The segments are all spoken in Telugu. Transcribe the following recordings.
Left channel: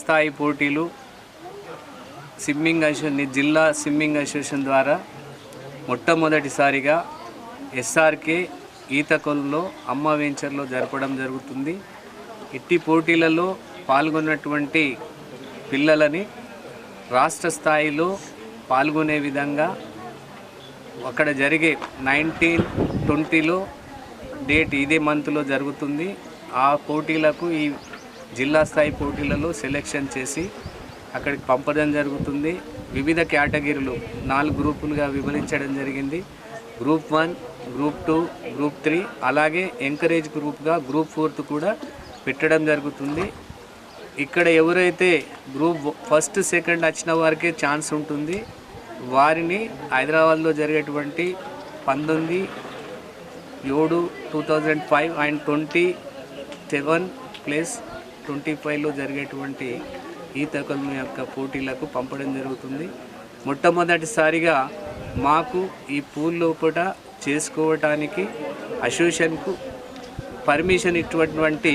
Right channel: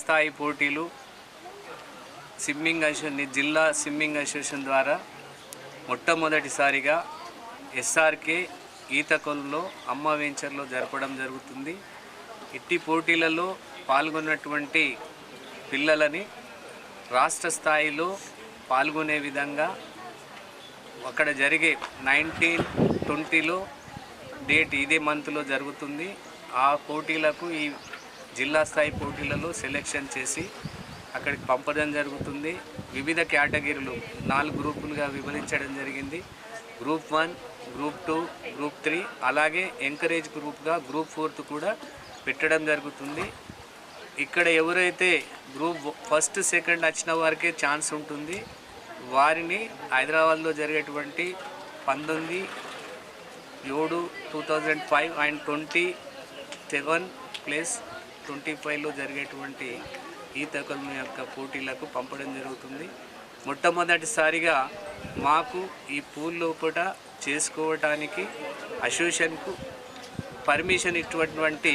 స్థాయి పోటీలు జిల్లా స్విమ్మింగ్ అసోసియేషన్ ద్వారా మొట్టమొదటిసారిగా ఎస్ఆర్కే ఈతకొల్లో అమ్మ వెంచర్లో జరపడం జరుగుతుంది. ఇట్టి పోటీలలో పాల్గొన్నటువంటి పిల్లలని రాష్ట్ర స్థాయిలో పాల్గొనే విధంగా అక్కడ జరిగే 19-20లో డేట్ ఇదే మంత్లో జరుగుతుంది. ఆ పోటీలకు ఈ జిల్లా స్థాయి పోటీలలో సెలెక్షన్ చేసి అక్కడికి పంపడం జరుగుతుంది. వివిధ కేటగిరీలు 4 గ్రూపులుగా విభజించడం జరిగింది. గ్రూప్ 1, గ్రూప్ 2, గ్రూప్ 3 అలాగే ఎంకరేజ్ గ్రూప్గా గ్రూప్ 4 కూడా పెట్టడం జరుగుతుంది. ఇక్కడ ఎవరైతే గ్రూప్ 1, 2 వచ్చిన వారికే ఛాన్స్ ఉంటుంది. వారిని హైదరాబాద్లో జరిగేటువంటి 19/7/2005 అండ్ 27+25లో జరిగేటువంటి ఈతకొలను యొక్క పోటీలకు పంపడం జరుగుతుంది. మొట్టమొదటిసారిగా మాకు ఈ పూల్ లోపల చేసుకోవటానికి అసోసియేషన్కు పర్మిషన్ ఇచ్చినటువంటి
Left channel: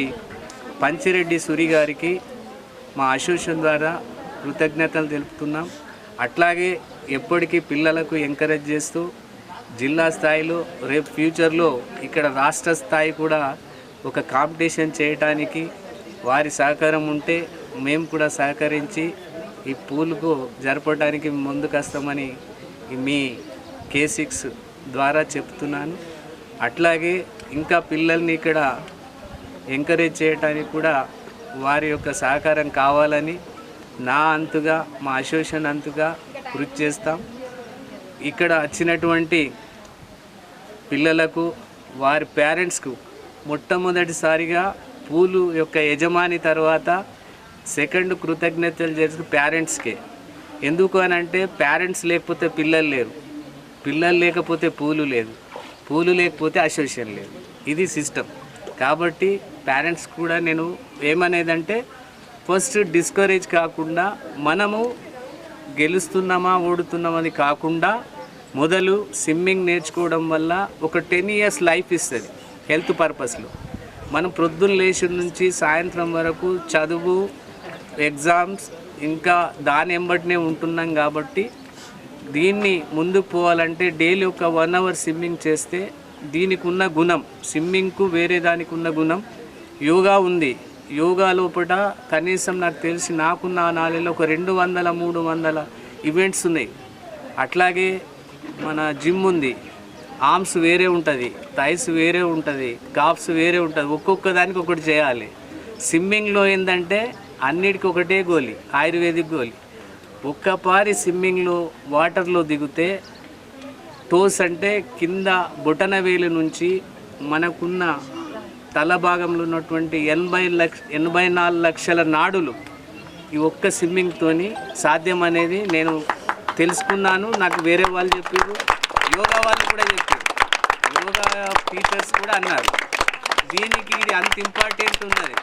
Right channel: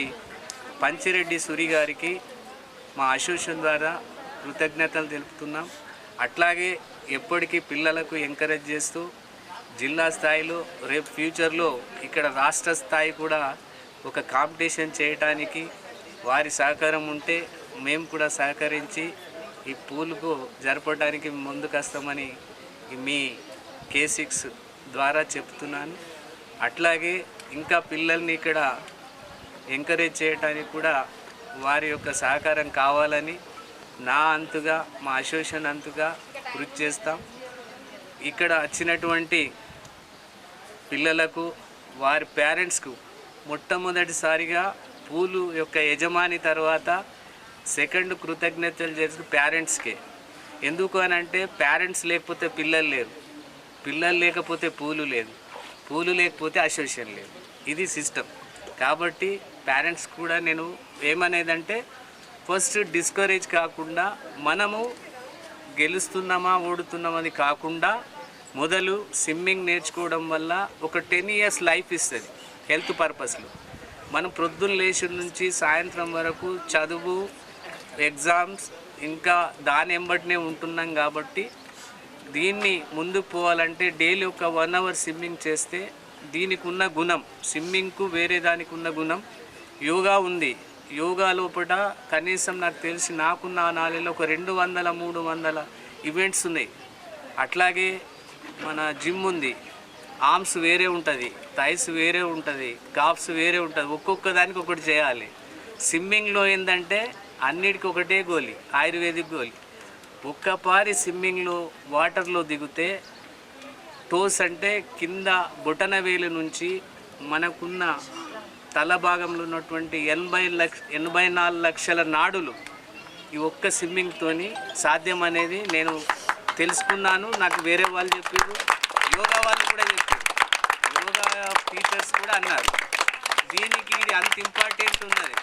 పంచిరెడ్డి సూరి గారికి మా అసోసియేషన్ ద్వారా కృతజ్ఞతలు తెలుపుతున్నాం. అట్లాగే ఎప్పటికీ పిల్లలకు ఎంకరేజ్ చేస్తూ జిల్లా స్థాయిలో రేపు ఫ్యూచర్లో ఇక్కడ రాష్ట్ర స్థాయి కూడా ఒక కాంపిటీషన్ చేయటానికి వారి సహకారం ఉంటే మేము కూడా సహకరించి ఈ పూల్కు జరపడానికి ముందుకొస్తామని మీ K6 ద్వారా చెప్తున్నాను. అట్లాగే ఇంకా పిల్లల్ని ఇక్కడ ఎంకరేజ్ చేయడానికి కూడా వారి యొక్క సహకారం కావాలని నా అంతుగా మా అసోసియేషన్ అంతుగా కృషి చేస్తాం. ఇక్కడ వచ్చినటువంటి పిల్లలకు వారి పేరెంట్స్కు మొట్టమొదటిసారిగా పూలు యొక్క యజమాని తర్వాత సెకండ్ కృతజ్ఞతలు చేసి పేరెంట్స్కే. ఎందుకు అని అంటే పేరెంట్స్ లేకపోతే పిల్లలు లేరు, పిల్లలు లేకపోతే పూలు లేదు, పూలు లేకపోతే అసోసియేషన్ లేదు. ఇది సిస్టమ్. కాబట్టి పేరెంట్స్ కూడా నేను ఏమనేదంటే ఫస్ట్ డిస్కరేజ్ కాకుండా మనము గెలుస్తున్నామా ఓడుతున్నామని కాకుండా మొదలు స్విమ్మింగ్ నేర్చుకోవడం వల్ల ఒక 10 years లైఫ్ ఇస్తుంది హెల్త్ పర్పస్లో. మనం ప్రొద్దున లేచి నుంచి సాయంత్రం వరకు చదువు, ఎగ్జామ్స్ ఇంకా దాని వెంబడినే ఉంటున్నాం. కాబట్టి దీన్ని ముందుకు పోవాలంటే డైలీ ఒక 1 hour స్విమ్మింగ్ చేస్తే దీనికి ఉన్న గుణం, స్విమ్మింగ్కు వేరే దానికి ఉన్న గుణం యోగా ఉంది. యోగా లోపల కనీసం నాకు తెలిసి నాకున్న నాలుగులో ఒక 200-300 ఈవెంట్స్ ఉన్నాయి. అట్లాగే మన జిమ్ ఉంది, ఆర్మ్స్ వేరే ఉంటుంది, థైస్ వేరే ఉంటుంది, కాఫ్స్ వేరే ఉంటుంది. ఒక్కొక్క దానికి ఒకటి చేయాలి. స్విమ్మింగ్లో ఏంటంటే అన్నిటికీ ఒకటే గోలి, ఆయుర్వేదిక్ గోలి. ఒక్కపారి స్విమ్మింగ్లో వాటర్లో దిగితే టోస్ అంటే కింద బొటన వేలు నుంచి మనకున్న తల భాగంలో ఉన్నటువంటి 84 లక్షల నాడులు ఈ ఒక్క స్విమ్మింగ్తోని సాధ్యం అనేది నేను తెలుసుకున్నాను. నాకు వేరే వాళ్ళు చెప్పారు, యోగా వాళ్ళు కూడా చెప్పారు, యోగా టీచర్స్ కూడా అన్నారు. దీనికి ఇది అంత ఇంపార్టెంట్ ఉన్నది,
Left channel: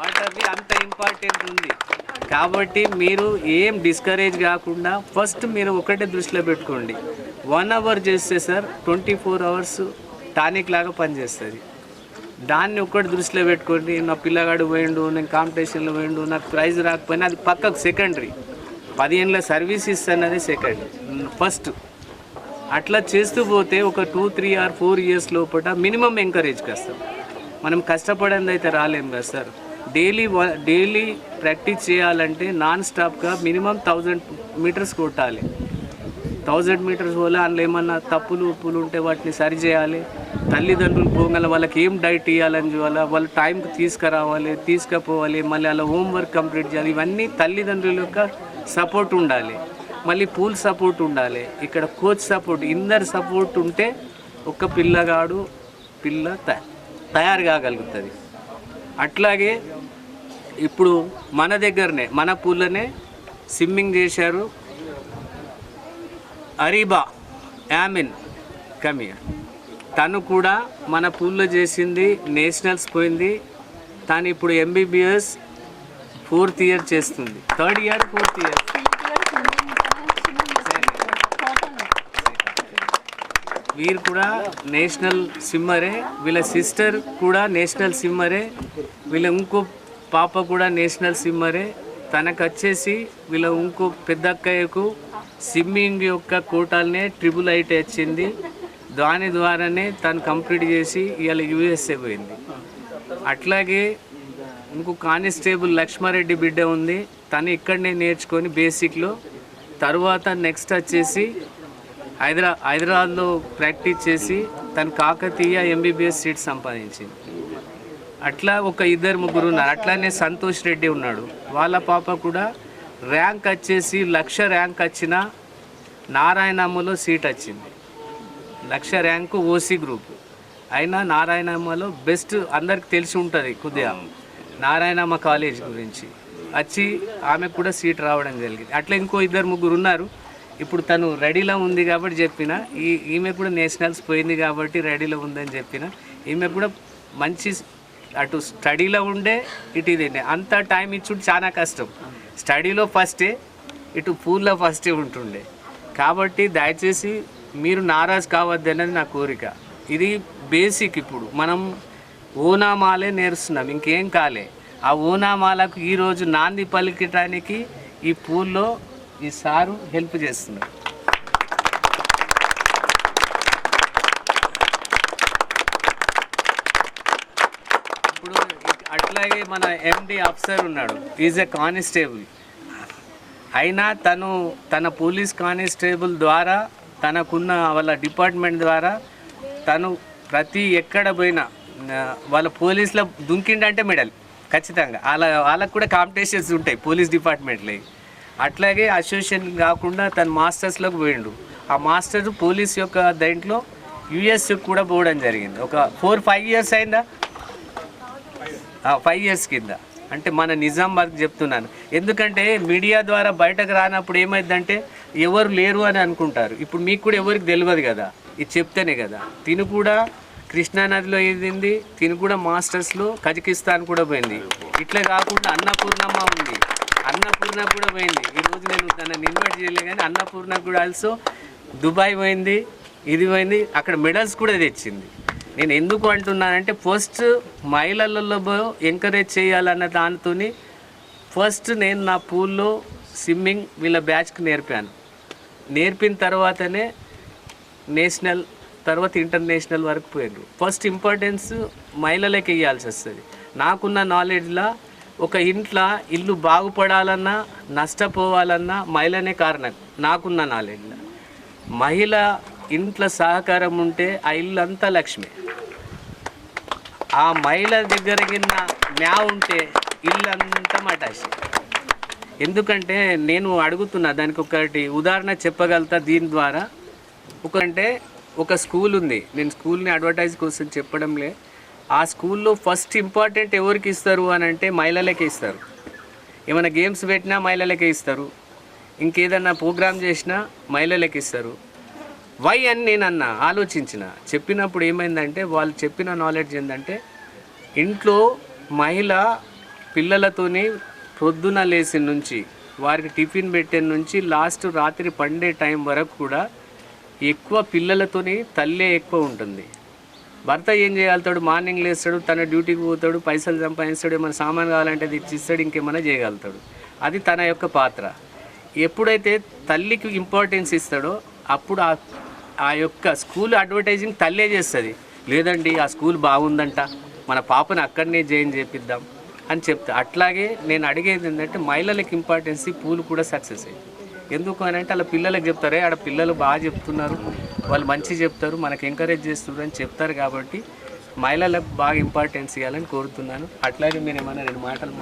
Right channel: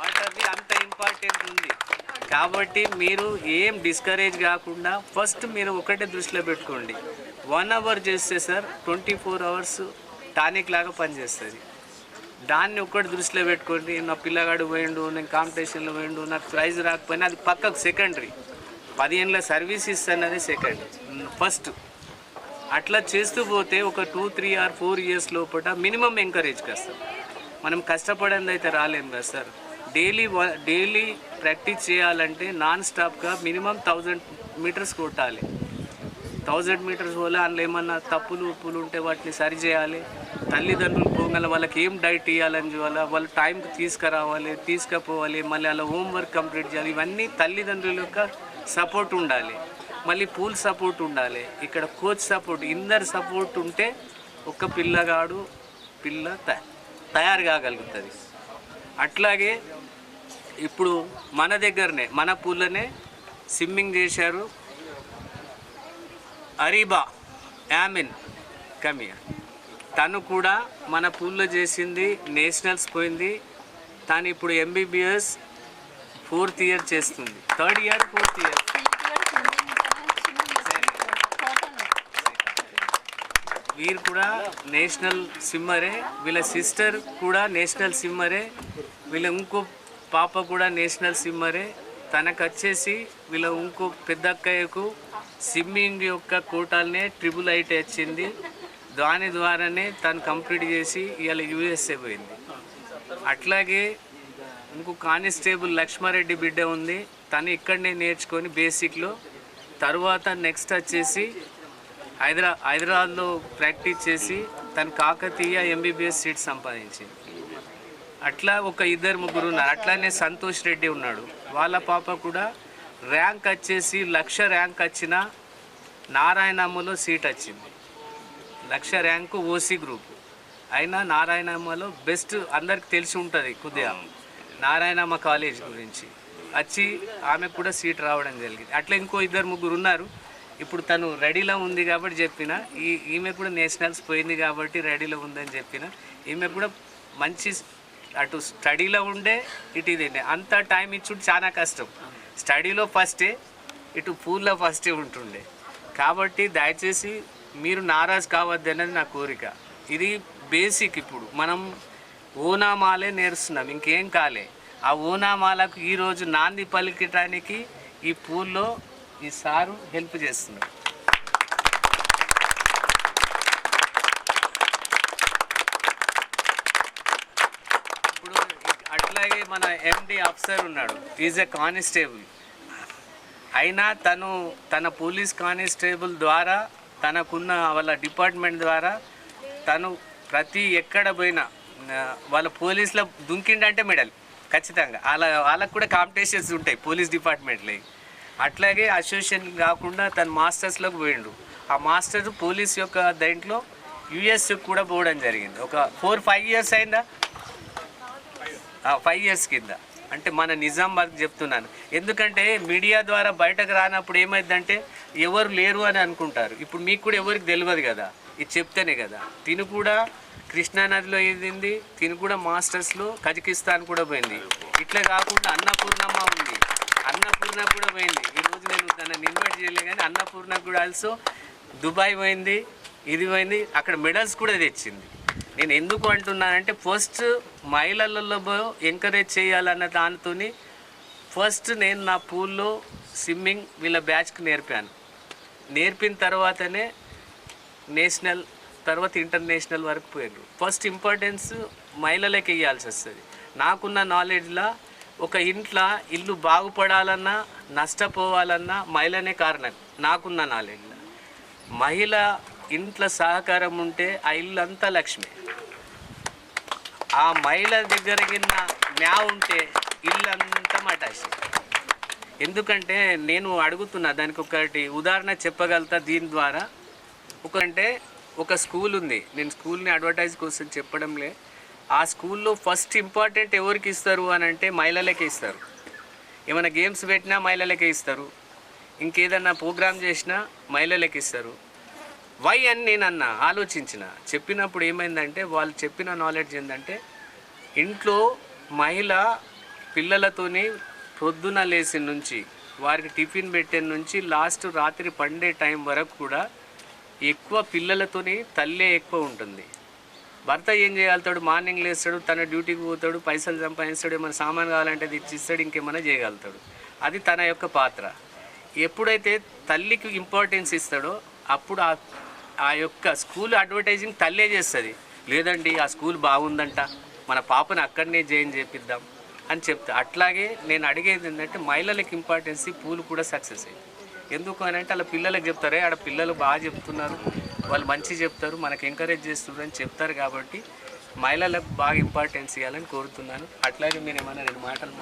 వాటర్ది అంత ఇంపార్టెంట్ ఉంది. కాబట్టి మీరు ఏం డిస్కరేజ్ కాకుండా ఫస్ట్ మీరు ఒకటే దృష్టిలో పెట్టుకోండి. 1 hour చేస్తే సార్ 24 hours టానిక్ లాగా పనిచేస్తుంది. దాన్ని ఒక్కటి దృష్టిలో పెట్టుకోండి. నా పిల్లగాడు పోయిండు, నేను కాంపిటీషన్లో పోయిండు, నాకు ప్రైజ్ రాకపోయినా అది పక్కకు సెకండరీ. 10 ఏళ్ళ సర్వీస్ ఇస్తున్నది సెకండ్. ఫస్ట్ అట్లా చేస్తూ పోతే ఒక 2, 3 or 4 years లోపల మినిమం ఎంకరేజ్కి వస్తాం. మనం కష్టపడింది అయితే రాలేము కదా సార్. డైలీ ప్రాక్టీస్ చేయాలంటే నాన్ స్టాప్గా మినిమం 1000 meters కొట్టాలి. 1000 meters వల్ల అందులో ఏమన్నా తప్పులు ఉప్పులు ఉంటే వాటిని సరి చేయాలి. తల్లిదండ్రులు పోగల వాళ్ళకి ఏం డైట్ ఇవ్వాలని చూడాలి, వాళ్ళు టైంకి తీసుకురావాలి, తీసుకుపోవాలి, మళ్ళీ అలా హోంవర్క్ కంప్లీట్ చేయాలి. ఇవన్నీ తల్లిదండ్రుల యొక్క సపోర్ట్ ఉండాలి, మళ్ళీ పూల్ సపోర్ట్ ఉండాలి, ఇక్కడ కోచ్ సపోర్ట్, ఇందరు సపోర్ట్ ఉంటే ఒక పిల్ల తయారు కాగలుగుతుంది. అట్లాగే ఇప్పుడు మన దగ్గరనే మన పూల్లోనే స్విమ్మింగ్ చేశారు అరీబా యామిన్ కమియా. తను కూడా మన పూల్లో చేసింది, నేషనల్స్ పోయింది. తను ఇప్పుడు MBBS 4th year చేస్తుంది, 3rd year 4th year. వీరు కూడా నేషనల్ స్విమ్మరే, వీళ్ళ సిస్టర్ కూడా నేషనల్ స్విమ్మరే. వీళ్ళ ఇంకో పాప కూడా నేషనల్ స్విమ్మరే. తనకు వచ్చేసి వీళ్ళ ఇంకో పెద్ద అక్కయ్యకు స్విమ్మింగ్ యొక్క కోటాలనే IIIT వచ్చింది. దాని ద్వారానే తను కంప్లీట్ చేసి ఇవాళ USA పోయింది. అట్లాగే ఇంకో కానిస్టేబుల్ లక్ష్మారెడ్డి బిడ్డ ఉంది. తను ఇక్కడనే నేర్చుకొని బేసిక్లో తర్వాత నెక్స్ట్ వచ్చేసి హైదరాబాద్లో ప్రాక్టీస్ చేసి తను కాకతీయ MBBS సీట్ సంపాదించింది. అట్లా ఒక 2-3 ఉన్నారు. అట్లానే సంతోష్ రెడ్డి ఉన్నాడు. వాళ్ళ పాప కూడా ర్యాంక్ వచ్చేసి 1,00,000 ర్యాంక్ వచ్చిన నారాయణమ్మలో సీట్ వచ్చింది. 1,00,000 ర్యాంకు OC గ్రూప్ అయినా నారాయణమ్మలో బెస్ట్ అందరికి తెలిసి ఉంటుంది కొద్దిగా నారాయణమ్మ కాలేజ్ గురించి వచ్చి ఆమెకు కూడా సీట్ రావడం జరిగింది. అట్లా ఇంకో 2-3 ఉన్నారు. ఇప్పుడు తను రెడీలో ఉంది కాబట్టి చెప్పిన, ఈమె కూడా నేషనల్స్ పోయింది కాబట్టి రెడీలో ఉందని చెప్పిన. ఈమె కూడా మంచి అటు స్టడీలో ఉండే ఇటు ఇదే అంత టైం ఇచ్చుడు చాలా కష్టం. స్టడీలో ఫస్టే, ఇటు పూల్లో ఫస్టే ఉంటుండే. కాబట్టి దయచేసి మీరు నారాజు కావద్దు అనేది నా కోరిక. ఇది బేసిక్. ఇప్పుడు మనం ఓనామాలే నేర్చున్నాం, ఇంకేం కాలే. ఆ ఓనామాలకు ఈరోజు నాంది పలికటానికి ఈ పూల్లో ఈ సారు హెల్ప్ చేస్తున్నారు. ఇప్పుడు అట్లాగే మన MD అఫ్సర్ ఉన్నాడు, ఈజ్ ఎ కానిస్టేబుల్. అయినా తన పోలీస్ కానిస్టేబుల్ ద్వారా తనకున్న వాళ్ళ డిపార్ట్మెంట్ ద్వారా తను ప్రతి ఎక్కడ పోయినా వాళ్ళ పోలీసులో దుంకిండంటే మెడల్ ఖచ్చితంగా. వాళ్ళకు కూడా కాంపిటీషన్స్ ఉంటాయి పోలీస్ డిపార్ట్మెంట్లో. అట్లాగే అసోసియేషన్ కాకుండా తను మాస్టర్స్లోకి పోయిండు. ఆ మాస్టర్ పోలీస్ యొక్క దాంట్లో US కూడా పోవడం జరిగింది. ఒక 4-5 ఇయర్స్ అయిందా, 5 ఇయర్స్ కింద. అంటే మన నిజామాబాద్కి చెప్తున్నాను. ఎందుకంటే మీడియా ద్వారా బయటకు రానప్పుడు ఏమైందంటే ఎవరు లేరు అని అనుకుంటారు. ఇప్పుడు మీకు కూడా ఎవరికి తెలియదు కదా, ఇది చెప్తేనే కదా. తిను కూడా కృష్ణానదిలో ఎదింది, తిను కూడా మాస్టర్స్లో కజకిస్తాన్ కూడా పోయింది. ఇట్లా కాకుండా అన్నపూర్ణమ్మ ఉంది, అన్నపూర్ణ కూడా పోయింది. ఈరోజు నేను తనని ఇన్వైట్ చేయలే కానీ అన్నపూర్ణ కూడా ఆల్సో దుబాయ్ పోయింది, ఇది పోయింది, అక్కడ మెడల్స్ కూడా తెచ్చింది. నేను ఎందుకు అంటున్నానంటే ఫస్ట్ మహిళలలో ఎంకరేజ్ చేయాలన్న దానితో ఫస్ట్ నేను నా పూల్లో స్విమ్మింగ్ వీళ్ళ బ్యాచ్కి నేర్పాను. నేర్పిన తర్వాతనే నేషనల్ తర్వాత ఇంటర్నేషనల్ వరకు పోయారు. ఫస్ట్ ఇంపార్టెన్స్ మహిళలకి ఇవ్వాల్సి వస్తుంది. నాకున్న నాలెడ్జ్లో ఒక ఇంట్లో ఇల్లు బాగుపడాలన్నా నష్టపోవాలన్నా మహిళనే కారణం. నాకున్న నాలెడ్జ్లో మహిళ ఇంట్లో సహకారం ఉంటే ఆ ఇల్లు అంతా లక్ష్మి. ఆ మహిళ దగ్గరకిన్న మ్యా ఉంటే ఇల్లు అంతా మటాసి. ఎందుకంటే నేను అడుగుతున్నా, దానికి ఒకటి ఉదాహరణ చెప్పగలుగుతా దీని ద్వారా. ఒక స్కూల్ ఉంది, నేను స్కూల్ని అడ్వర్టైజ్ కోసం చెప్పడంలే. ఆ స్కూల్లో ఫస్ట్ ఇంపార్టెంట్ ఎవరికి ఇస్తారు అని అంటే మహిళలకే ఇస్తారు. ఏమైనా గేమ్స్ పెట్టినా మహిళలకే ఇస్తారు, ఇంకేదన్నా ప్రోగ్రామ్ చేసినా మహిళలకి ఇస్తారు. వై అని నేను ఆలోచించిన. చెప్పినప్పుడు ఏమైందంటే వాళ్ళు చెప్పిన నాలెడ్జ్ ఏంటంటే ఇంట్లో మహిళ పిల్లలతోని పొద్దున లేసి నుంచి వారికి టిఫిన్ పెట్టే నుంచి లాస్ట్ రాత్రి పండే టైం వరకు కూడా ఎక్కువ పిల్లలతోని తల్లే ఎక్కువ ఉంటుంది. భర్త ఏం చేయగలుగుతాడు, మార్నింగ్ లేస్తాడు, తన డ్యూటీకి పోతాడు, పైసలు సంపాదిస్తాడు, ఏమైనా సామాన్ కావాలంటే అది ఇచ్చిస్తాడు, ఇంకేమైనా చేయగలుగుతాడు. అది తన యొక్క పాత్ర. ఎప్పుడైతే తల్లికి ఇంపార్టెన్స్ ఇస్తాడో అప్పుడు ఆ యొక్క స్కూల్ అడ్వర్టైజింగ్ తల్లే చేస్తుంది. లేదండి ఆ స్కూల్ బాగుందంట, మన పాపను అక్కడనే జాయిన్ చేపిద్దాం అని చెప్తా. అట్లాగే నేను అడిగేది ఏంటంటే మహిళలకు ఇంపార్టెన్స్ పూలు కూడా సక్సెస్ అయ్యింది. ఎందుకు అని అంటే వాళ్ళ పిల్లలకు చెప్తారే, ఆడ పిల్లలు బాగా చెప్తున్నారు, వాళ్ళు మంచి చెప్తారు, మనకు ఎంకరేజ్ చేస్తున్నారు అని చెప్తారు. కాబట్టి మహిళలకు బాగా ఇంపార్టెన్స్ ఇవ్వాలని కోరుతున్నాను. అట్లాగే మీరు ఏమైనా 2 మాటలు